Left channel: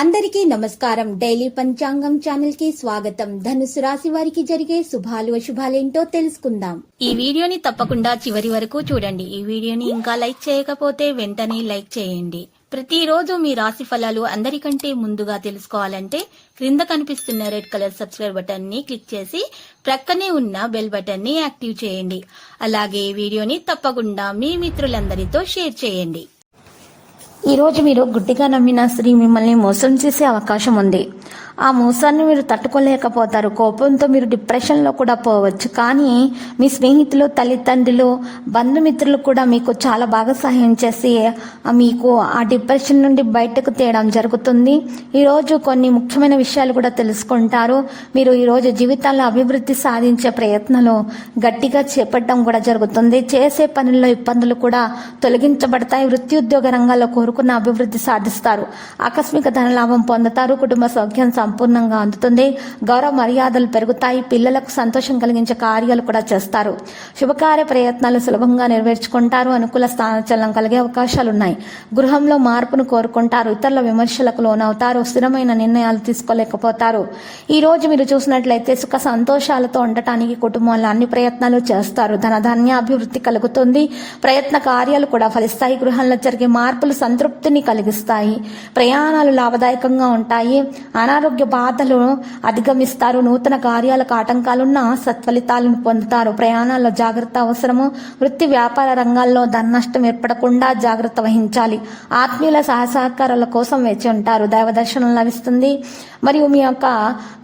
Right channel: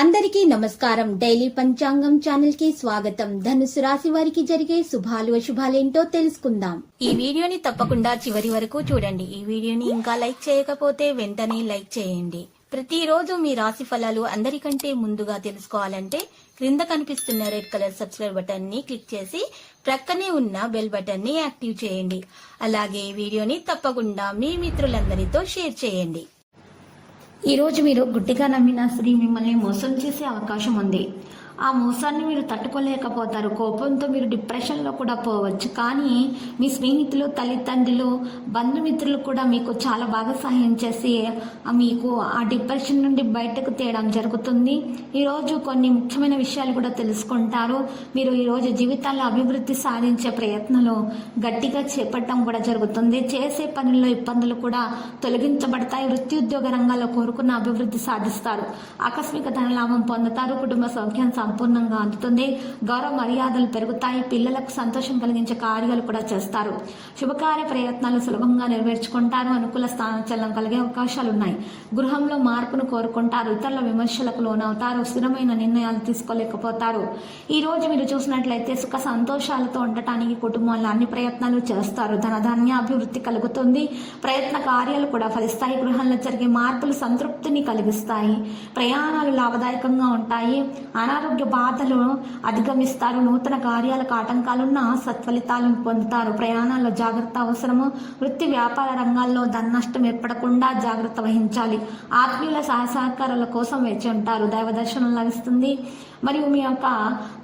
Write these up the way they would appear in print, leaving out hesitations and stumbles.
అందరికీ నమస్కారం. డైలీ పంచాంగం ఛానల్ కి స్వాగతం. ధనుసు రాశి వారికి జరిగే శుభాలు అశుభాలేంటో తెలుసుకుందాం. ఈ వీడియోని తప్పకుండా చివరి వరకు చూడండి. ఈ వీడియోని ఇంకా లైక్ చేయకపోతే వెంటనే లైక్ చేయండి. ప్రతిరోజు మీ రాశి ఫలాలు అందరికంటే ముందుగా తెలుసుకోవాలంటే క్రింద కనిపిస్తున్న రెడ్ కలర్ సబ్స్క్రైబ్ బటన్ ని క్లిక్ చేసి ప్రక్కనే ఉన్న బెల్ బటన్ ని యాక్టివ్ చేయండి. అలాగే వీడియోని తప్పకుండా మీ మిత్రులందరితో షేర్ చేయండి. ఈరోజు మీరు గుడ్డిగా నమ్మిన స్త్రీ మిమ్మల్ని మోసం చేసే అవకాశం ఉంది. ఆ మోసాన్ని మీరు తట్టుకోలేకపోతారు. కోపంతో మీరు డిప్రెషన్లో కూడా పోవచ్చు. కానీ మీ స్నేహితులు, తల్లిదండ్రులు, బంధుమిత్రులు కూడా మీకు చాలా బాగా సహాయం చేసి మీకు ఆ డిప్రెషన్ నుండి బయటకు తీయడం జరుగుతుంది. ఈరోజు కొన్ని ముఖ్యమైన విషయాలు కూడా తెలుసుకుంటారు. మీరు ఈరోజు జీవితాల్లో అభివృద్ధి సాధించే ప్రయత్నాలు గట్టిగా చేపట్టడం కూడా జరుగుతుంది. చేసే పనుల్లో ఇబ్బందులు కూడా తొలగించబడతాయి. వృత్తి ఉద్యోగ రంగాల్లో కోరుకున్న అభివృద్ధి సాధిస్తారు. ఆకస్మిక ధనలాభం పొందుతారు. కుటుంబ సౌఖ్యం సంపూర్ణంగా అందుతుంది. గౌరవ మర్యాదలు పెరుగుతాయి. పిల్లలకు సంతోషం కలిగించే కార్యాలు కూడా చేస్తారు. శుభకార్య ప్రయత్నాలు సులభంగా నెరవేర్చుకుంటారు. అనుకూల స్థానచలనం కలిగే అవకాశాలు ఉన్నాయి. గృహంలో మార్పును కోరుకుంటారు. ఇతరుల విమర్శలకు లోనవుతారు. స్థిరమైన నిర్ణయాలు తీసుకోలేకపోతారు. ఈ రోజు మీరు చూసినట్లయితే సుఖ సంతోషాలతో ఉండటానికి కుటుంబంలో అన్ని ప్రయత్నాలు చేస్తారు. ధనధాన్య అభివృద్ధి కలుగుతుంది. ప్రయత్న కార్యాలు కూడా ఫలిస్తాయి. గృహంలో జరిగే మార్పులు సంతృప్తిని కలిగిస్తాయి. ప్రయాణాలు లాభదాయకంగా ఉంటాయి. అనారోగ్య బాధలు అధిగమిస్తారు. నూతన కార్యాలకు ఆటంకాలున్న సత్ఫలితాలను పొందుతారు. ప్రయాణాల్లో జాగ్రత్త అవసరము. వృత్తి వ్యాపార రంగాల్లో ధన నష్టం ఏర్పడకుండా జాగ్రత్త వహించాలి. ఆత్మీయుల సహకారాల కోసం వేచి ఉంటారు. దైవ దర్శనం లభిస్తుంది. మరియు మీ యొక్క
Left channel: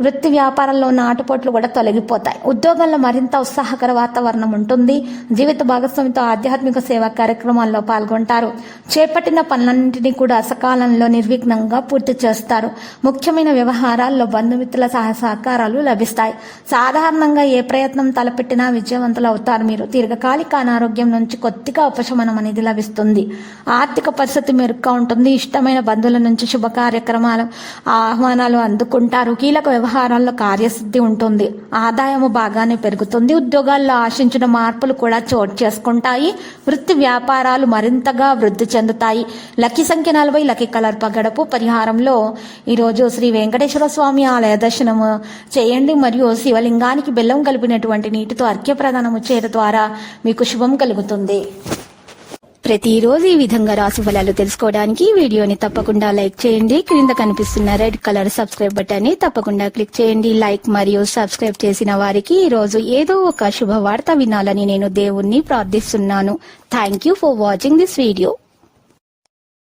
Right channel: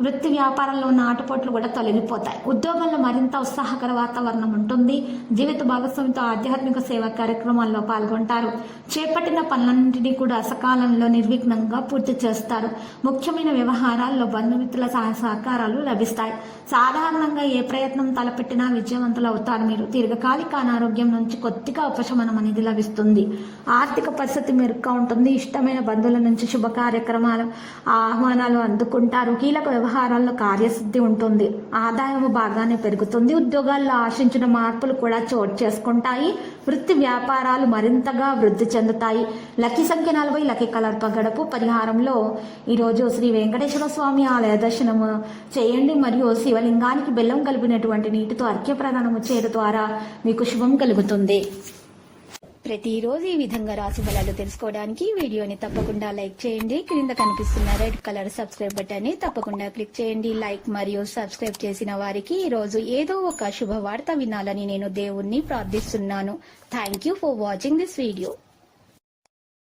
వృత్తి వ్యాపారంలో ఉన్న ఆటుపోట్లు కూడా తొలగిపోతాయి. ఉద్యోగంలో మరింత ఉత్సాహకర వాతావరణం ఉంటుంది. జీవిత భాగస్వామితో ఆధ్యాత్మిక సేవా కార్యక్రమాల్లో పాల్గొంటారు. చేపట్టిన పనులన్నింటినీ కూడా సకాలంలో నిర్విఘ్నంగా పూర్తి చేస్తారు. ముఖ్యమైన వ్యవహారాల్లో బంధుమిత్రుల సహకారాలు లభిస్తాయి. సాధారణంగా ఏ ప్రయత్నం తలపెట్టినా విజయవంతులు అవుతారు. మీరు దీర్ఘకాలిక అనారోగ్యం నుంచి కొద్దిగా ఉపశమనం అనేది లభిస్తుంది. ఆర్థిక పరిస్థితి మెరుగ్గా ఉంటుంది. ఇష్టమైన బంధువుల నుంచి శుభ కార్యక్రమాలు ఆహ్వానాలు అందుకుంటారు. కీలక వ్యవహారాల్లో కార్యసిద్ధి ఉంటుంది. ఆదాయము బాగానే పెరుగుతుంది. ఉద్యోగాల్లో ఆశించిన మార్పులు కూడా చోటు చేసుకుంటాయి. వృత్తి వ్యాపారాలు మరింతగా వృద్ధి చెందుతాయి. లక్కీ సంఖ్య 40. Lucky colour పగడపు. పరిహారంలో ఈరోజు శ్రీ వెంకటేశ్వర స్వామి ఆలయ దర్శనము చేయండి. మరియు శివలింగానికి బెల్లం కలిపినటువంటి నీటితో అర్ఘ్య ప్రదానము చేయడం ద్వారా మీకు శుభం కలుగుతుంది. ప్రతిరోజు ఈ విధంగా రాశి ఫలాలు తెలుసుకోవడానికి వీడియోని తప్పకుండా లైక్ చేయండి. క్రింద కనిపిస్తున్న రెడ్ కలర్ సబ్స్క్రైబ్ బటన్ ని తప్పకుండా క్లిక్ చేయండి. లైక్ మరియు సబ్స్క్రైబ్ చేసిన వారికి ఈ రోజు ఏదో ఒక శుభవార్త వినాలని నేను దేవుణ్ణి ప్రార్థిస్తున్నాను. Thank you for watching this video.